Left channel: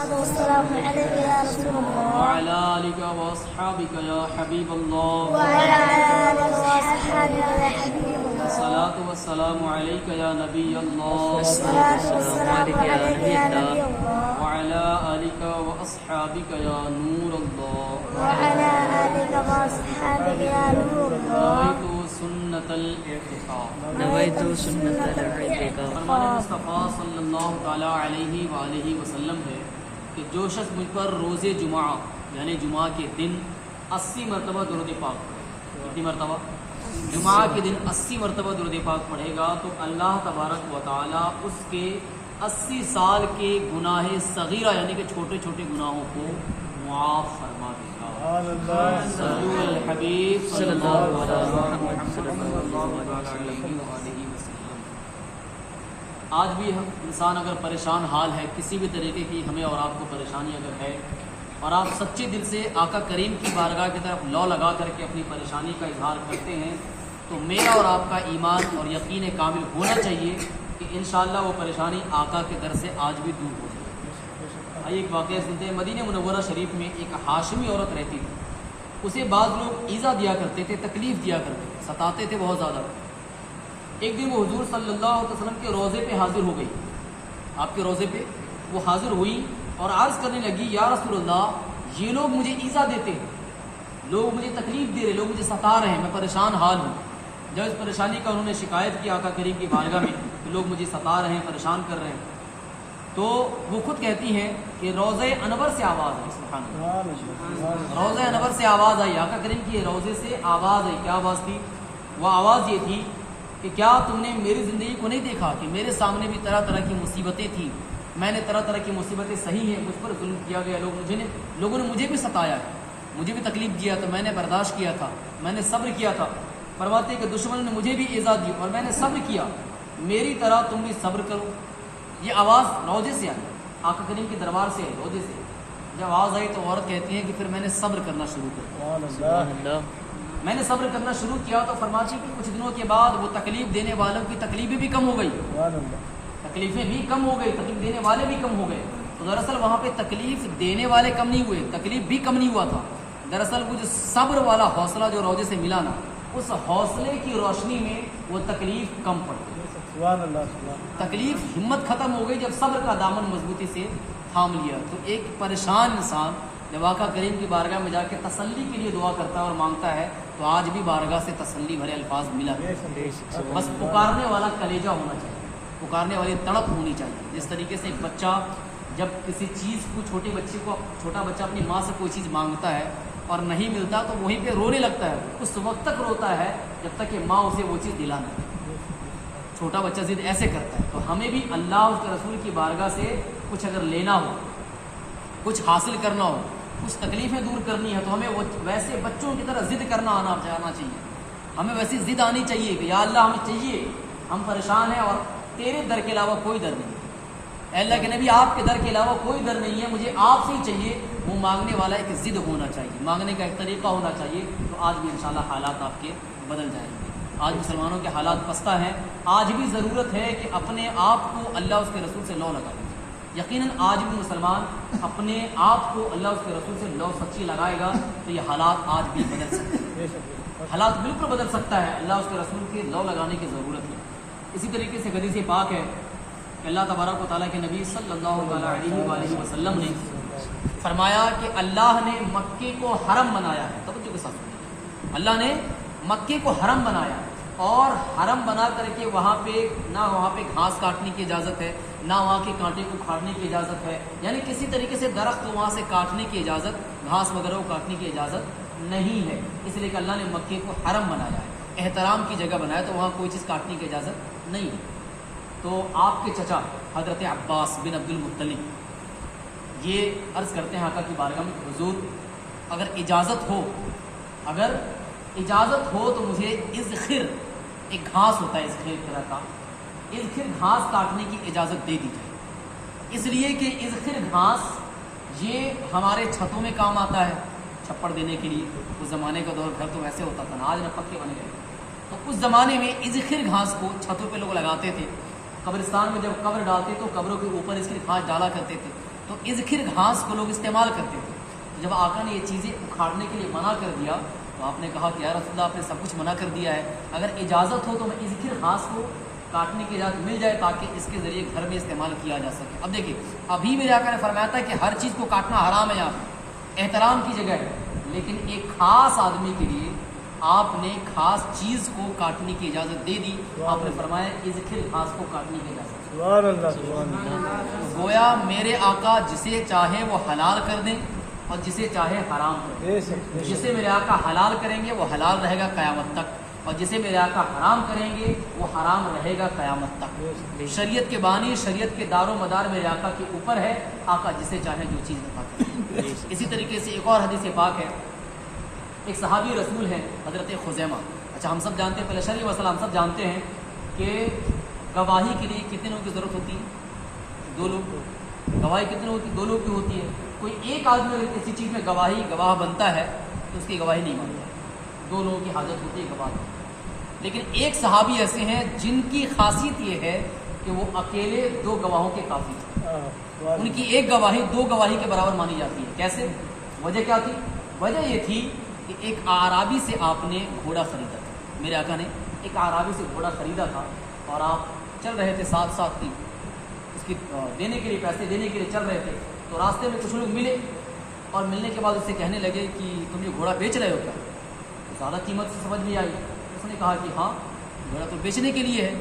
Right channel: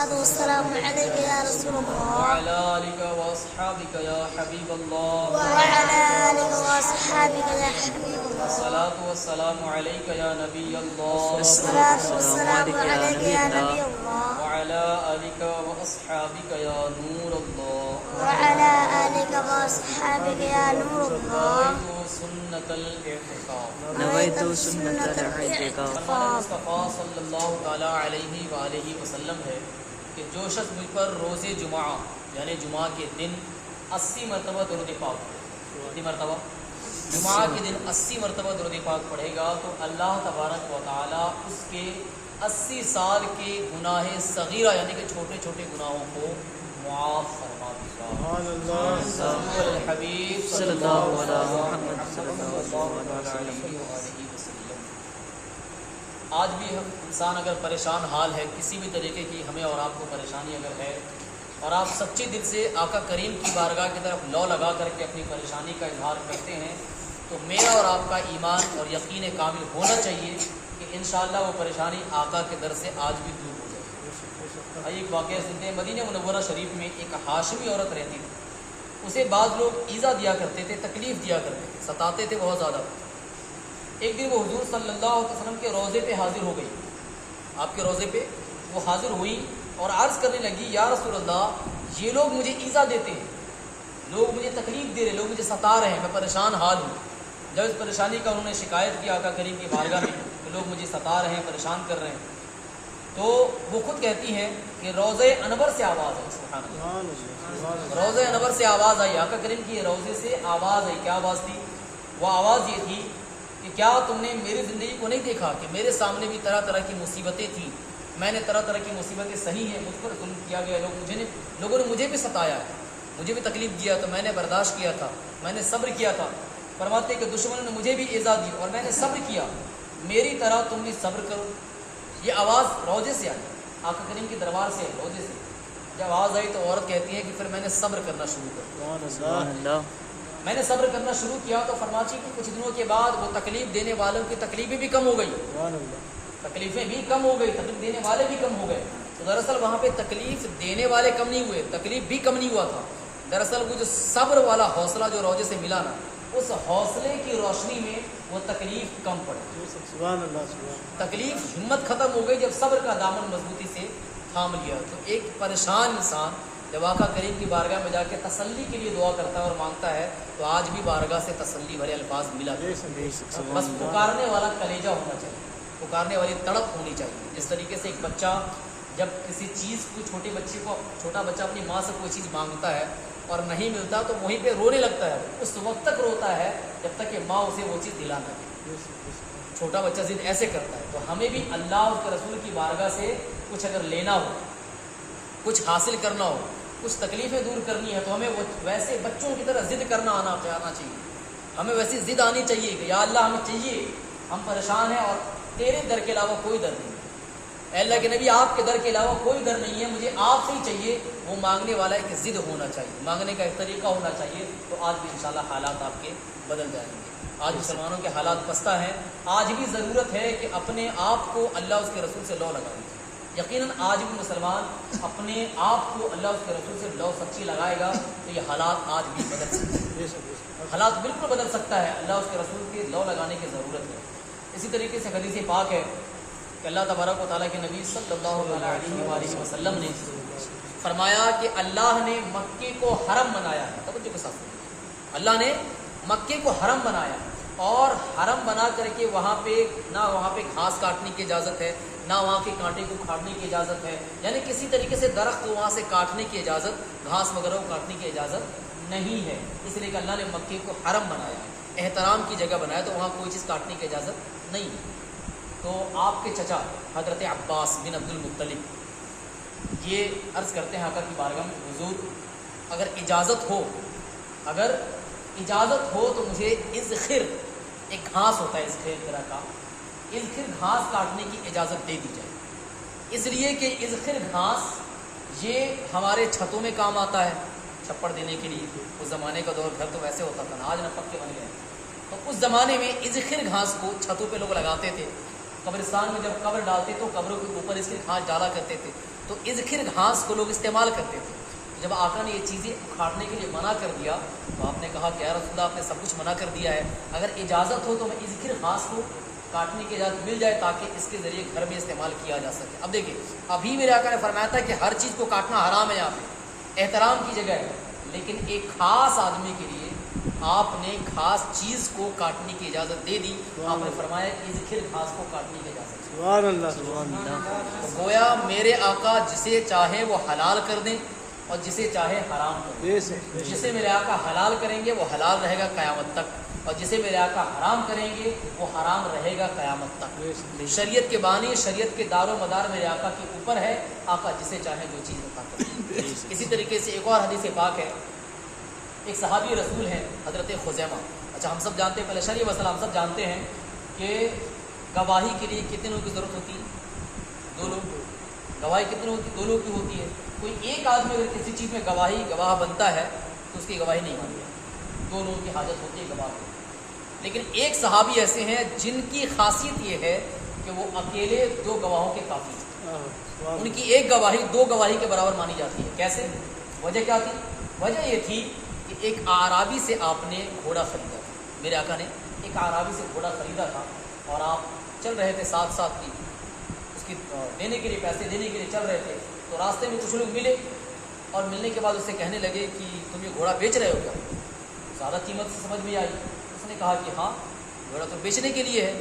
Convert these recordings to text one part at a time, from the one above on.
والسلام عليك يا رسول الله وعلى آلك وأصحابك يا حبيب الله وعلى آله وأصحابه يا حبيب الله الصلاة والسلام عليك يا نبي الله والصلاة والسلام عليك يا نبي الله وعلى آلك وأصحابك يا نور الله وعلى آلك وأصحابك يا نور الله نويت سنة الاعتصام نويت سنة الاعتصام فرمان مصطفیٰ صلی اللہ تعالیٰ علیہ وآلہ وسلم ہے کہ جو شخص مجھ پر روز جمعہ یعنی جمعہ کے دن 80 مرتبہ درود پاک پڑھے، کتنی مرتبہ؟ جمعہ کے دن 80 مرتبہ درود پاک پڑھے گا تو اللہ تبارک و تعالیٰ اس کے 80 سال کے گناہ صغیرہ یعنی کہ چھوٹے چھوٹے گناہوں کو معاف فرما دے گا۔ صلو علی الحبیب صلی اللہ علیہ وسلم۔ آج بھی انسان اگر پریشان حال ہے، کسی بھی طریقے کی ہمیں اور آپ کو پریشانی اگر ہے، اور آپ سچے دل سے آقا کریم کی بارگاہ کی طرف لو لگا کر کے اپنی پریشانی کا اظہار کرتے ہیں تو میرا اور آپ کا ایمان اور یقین کامل ہونا چاہیے کہ انشاءاللہ وہ پریشانی آقا کے در سے آج بھی دور ہو جائے۔ آئیے ایک واقعہ سنتے ہیں۔ مدینہ منورہ شریف میں ایک ہاشمی عورت رہتی تھی، اسے بعض لوگ ایذا دیا کرتے تھے، تکلیف دیا کرتے تھے، ستاتے تھے بہت زیادہ۔ ایک دن وہ حضور صلی اللہ علیہ وسلم کے روضے پہ حاضر ہو گئی، آپ کے روضے پہ وہ حاضر ہوئی اور عرض کرنے لگی، یا رسول اللہ یہ لوگ مجھے ایذا دیتے ہیں، لوگ مجھے تکلیف دے رہے، لوگ مجھے ستا رہے ہیں، میں پریشان حال ہوں۔ جب اس پریشانی کا انہوں نے شکایت کی آقا کریم کی بارگاہ میں کہ لوگ مجھے ستا رہے ہیں، پریشان کر رہے ہیں، تو وہ خود کہتی ہیں کہ روضہ انور سے آواز آئی، سبحان اللہ، روضہ انور سے آواز آئی، آقا کریم کی روضے سے آواز آئی۔ کیا آواز تھی؟ وہ آواز یہ تھی کہ کیا تم نے میری زندگی کو نہیں دیکھا کہ میرے سامنے بھی طرح طرح کی مصیبتیں تھیں، میں نے طرح طرح کی مصیبتیں سہی ہیں، مجھ پر ظلم کیا گیا، لوگوں نے مجھے بھی ستایا ہے، مجھے بھی تکلیف دیا تو میں نے برداشت کیا تھا، میں نے صبر کیا تھا۔ فرماتے کہ دشمنوں نے مجھے بھی ایذا دی اور میں نے صبر کیا، میری طرح تم بھی صبر کرو۔ یہ آواز روضے سے آئی، آقا کریم کے دربار سے، روضے سے جب آواز آئی تو عورت کہتی ہے کہ پھر میں نے صبر کرنا شروع کر دیا، میں نے صبر کرنا شروع کیا تو فرماتی کہ کچھ دنوں کے بعد وہ تکلیف دینے والوں کی تکلیفیں بھی کم ہو گئی، تکلیفیں بھی کم ہو گئی، تکلیف دینے والے بھی کم ہو گئے۔ تو دراصل وہاں پہ تکلیف دینے والے کم نہیں ہوئے، تکلیف بھی کم نہیں ہوا تھا، دراصل وہ جو صبر والا حوصلہ جو روضے سے ملا نا، اس حوصلے کی روشنی میں وہ تکلیف کم پڑ گئی، تکلیف ہمت ختم ہو گئی جب صبر کا دامن مضبوطی سے تھام لیا۔ تو ایک پریشان انسان جب آقا کریم کی بارگاہ میں جا کے تسلی کے لیے دعا کرتا ہے اور مانگتا ہے تو آج بھی بارگاہ سے تسلی بھرے الفاظ ملا، بس پکارنے والا کلیجہ ہونا چاہیے، پکارنے والی تڑپ ہونی چاہیے۔ جس طریقے سے ایک بچہ جب کسی چیز کو چھوٹا بچہ اپنی ماں سے کوئی چیز مانگتا ہے اور نہیں ملتا تو وہیں پہ رونے لگتا ہے، اس وقت تک روتا ہے جب تک کہ ماں اسے وہ چیز دلا نہ دے۔ چھوٹا بچہ ضد ایسے کرتا ہے، تو ہمیں بھی اللہ اور اس کے رسول کی بارگاہ سے کچھ اگر لینا ہو، کچھ حاصل کرنا ہو، کچھ تکلیفیں دور کرنی ہے تو ہمیں وہ ویسے بچوں کی طرح ضد کرنا آنا چاہیے، ہمیں ویسی ضد آنی چاہیے کہ یا اللہ ہمیں چاہیے، ہم پریشان ہیں اور تیرے در کے علاوہ کوئی در نہیں، اے اللہ کے نبی آپ کے در کے علاوہ کوئی در نہیں ہے، مجھے آپ سے ہی چاہیے۔ وہ مانگنے والا ایک ضد ہونا چاہیے، مانگنے کا ایک طریقہ ہونا چاہیے، تو آج بھی انشاءاللہ حالات آپ کے بدل جائیں گے۔ آج مسلمانوں کے حالات پستہ ہیں، آج بھی ضرورت ہے کہ اپنے آپ کو اللہ اس کے رسول سے لو لگا دیں۔ یقیناً آج بھی مسلمان اپنے آپ کو اللہ اس کے رسول سے لو سچی لگائے گا تو یہ حالات آج بھی بدل سکتے ہیں، حالات بالکل بدل سکتا ہے، اللہ اس کے رسول کے لو لگانے کی ضرورت ہے۔ اسی طریقے سے حدیث پاک ہے کہ اللہ تبارک و تعالیٰ کے نبی صلی اللہ علیہ وآلہ وسلم نے فرمایا کہ اللہ نے مکے کو حرم بنایا ہے، توجہ کے ساتھ اللہ نے مکے کو حرم بنایا اور حرم بنا کر کے وہاں پہ گھاس کاٹنے کی اجازت ہے، نہ وہاں کے کانٹے کو کاٹنے کی اجازت ہے، یعنی کسی طریقے سے درخت وہاں سے کاٹنے کی اجازت، گھاس وغیرہ کو کاٹنے کی اجازت نہیں ہے، اس لیے کہ اللہ نے مکے کو حرم بنایا ہے، احترام کی جگہ بنایا، تو وہاں کوئی چیز کاٹنے کی اجازت نہیں ہے۔ تو آپ کے چچا حضرت عباس بن عبد المطلب یہ عرض کرتے ہیں آقا کی بارگاہ میں، حضور اگر اجازت ہو تو مجھے اذخر، ایک گھاس ہوتا ہے اذخر طرح کا، اذخر گھاس کاٹنے کی اجازت دے دی جائے، اس لیے کہ اذخر گھاس یہ ہمارے چھتوں میں کام آتا ہے، چھپڑ دینے کے لیے۔ اس زمانے کا دور گھر تو ویسے ہوتا تھا نا، آج نہ پکے بن گئے، تو اس زمانے میں اذخر گھاس کو چھتوں پہ لوگ لگاتے تھے، قبرستان میں جب قبر ڈالتے تو قبروں کے اوپر اس کی گھاس ڈالا کرتے تھے، تو اذخر گھاس کو لوگ استعمال کرتے تھے. تو جب آقا نے یہ چیزیں اکھاڑنے کے لیے منع کر دیا تو آپ نے کہا کہ یا رسول اللہ آپ نے سب کچھ منع کر دیا ہے, اگر اجازت ہو تو میں اذخر گھاس کو کاٹنے کی اجازت مل جائے تاکہ اس کے ذریعے گھر میں استعمال کیا جا سکے. اب دیکھیے ابھی میرے آقا نے فرمایا تھا کہ ہر چیز کو کاٹنا حرام ہے, یہاں پہ احترام کی جگہ ہے, لیکن ایک خاص آدمی کے لیے آپ نے خاص چیز کو کاٹنے کی اجازت دے دی. آپ نے فرمایا اذخر گھاس کو کاٹنے کی اجازت. سبحان اللہ سبحان اللہ. گویا میرے آقا جسے چاہے وہ حلال کر دیں اور جسے چاہے حرام کر دیں. بے شک بے شک. جسے میرے آقا حلال کریں گے وہ حلال رہے گا قیامت تک, اور جسے میرے آقا حرام کریں گے وہ حرام رہے گا قیامت تک. بے شک بے شک. شریعت کے بانی, شریعت کے دار و مدار میرے آقا کے اوپر ہے. آقا جسے چاہیں جو چیز بتا کریں. اسی طریقے سے ایک اور حدیث پاک ہے, ایک صحابی رسول ہیں حضرت خزیمہ. اچھا ہم سب جانتے ہیں, پہلے شرعی مسئلہ ہم سب جانتے ہیں کہ گواہی کے لیے کتنے لوگوں کی ضرورت ہوتی ہے؟ 2 لوگ. گواہی کتنے لوگوں کی؟ 2 لوگوں کی ہوتی ہے. کوئی ایک آدمی اگر کسی چیز میں گواہ بنتا ہے تو اس کی گواہی نہیں مانتا. 2 لوگوں کی حاجت ہوتی ہے گواہ کی. لیکن ایک صحابی ایسے ہیں جن کی خاصیت یہ ہے کہ وہ اکیلے 2 گواہوں کے کافی ہیں. ان کی ایک گواہی 2 گواہی کے برابر مانی جاتی ہے. کیسے؟ وجہ کیا تھی؟ وجہ یہ تھی کہ ایک اعرابی سے آپ نے گھوڑا خریدا تھا. میرے آقا نے ایک اعرابی سے گھوڑا خریدا تھا اور آپ چل رہے تھے ساتھ ساتھ کی اس کی دینے کے لیے, پیسے دینے کے لیے چل رہے تھے. تو راستے میں کچھ لوگ ملے اور ملنے کے بعد اسے کہنے لگے کہ تم یہ گھوڑا بیچ رہے ہو کیا؟ زیادہ قیمت سے سمجھ میں آئی. اس نے کہا کہ ہاں گھوڑا تو بیچنے کے لیے ہے.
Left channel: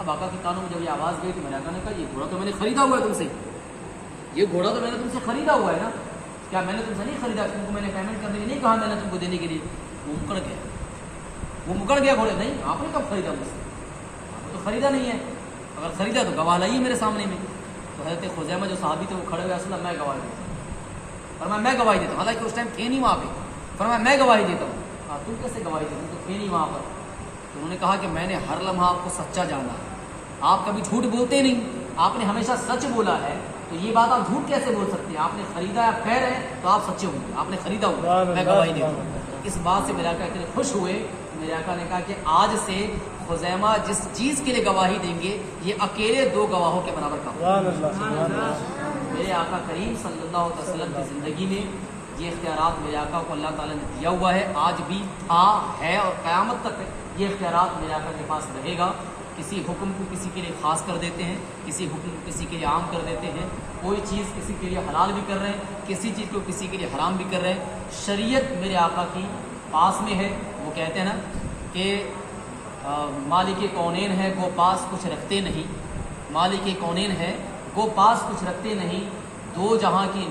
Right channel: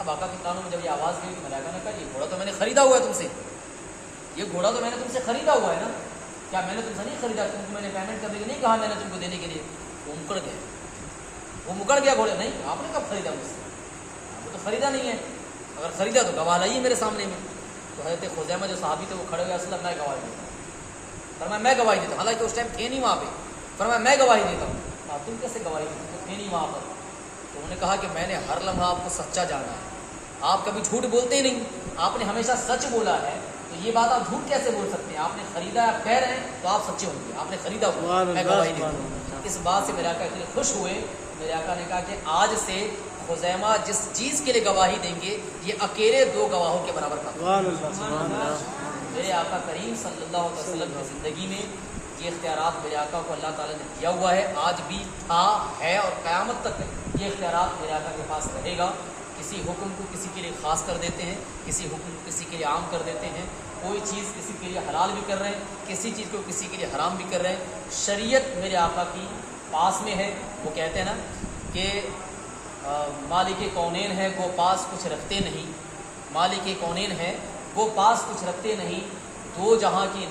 اب آقا کے کانوں میں جب یہ آواز گئی کہ میرے آقا نے کہا یہ گھوڑا تو میں نے خریدا ہوا ہے تم سے, یہ گھوڑا تو میں نے تم سے خریدا ہوا ہے نا, کیا میں نے تم سے نہیں خریدا؟ تم کو میں نے پیمنٹ کرنے کے نہیں کہا میں نے تم کو دینے کے لیے. وہ مکڑ گیا گھوڑے. نہیں آپ نے کب خریدا مجھ سے؟ آپ کو تو خریدا نہیں ہے. اگر خریدا تو گواہ لائیے میرے سامنے میں. تو حضرت خزیمہ جو صحابی تھے وہ کھڑے ہوئے, اصل میں گواہی دیتا ہوں. فرمایا میں گواہی دیتا ہوں. حالانکہ اس ٹائم تھے نہیں وہاں پہ. فرمایا میں گواہی دیتا ہوں. آپ تم کیسے گواہی دیتے تو تھے نہیں وہاں پر. تو انہوں نے کہا کہ میں نے ہر لمحہ آپ کو سچا جانا ہے, آپ کبھی جھوٹ بولتے نہیں, آپ نے ہمیشہ سچ بولا ہے, تو یہ بات آپ جھوٹ کیسے بول سکتے ہیں؟ آپ نے خریدا ہے, آپ کہہ رہے ہیں تو آپ سچے ہوں گے. آپ نے خریدا ہوا, میں گواہی دیتا ہوں. اس بات سے میرے آقا اتنے خوش ہوئے. میرے آقا نے کہا کہ آج سے خزیمہ جس چیز کے لیے گواہی دیں گے یہ اکیلے 2 گواہوں کے برابر کا. سبحان اللہ سبحان اللہ. میرے آقا کریم صلی اللہ علیہ وسلم کی زندگی میں یہ اختیارات میرے آقا کو اللہ تعالیٰ نے دیا ہوا ہے, آج بھی تھا, ہے اور قیامت تک یہ اختیارات میرے آقا کے پاس رہے گا. کسی حکم کو کسی کے لیے خاص کر دیتے ہیں, کسی حکم کو کسی کے لیے عام کر دیتے ہیں, کوئی چیز کسی کے لیے حلال بھی کر رہے ہیں, کسی چیز کو کسی کے لیے حرام بھی کر رہے ہیں. شریعت میرے آقا کی پاس میں ہے. وہ کہتے ہیں نا کہ مالک کونین ہے گو پاس کچھ رکھتے نہیں, مالک کونین ہے گو پاس کچھ رکھتے نہیں, 2 جہاں کی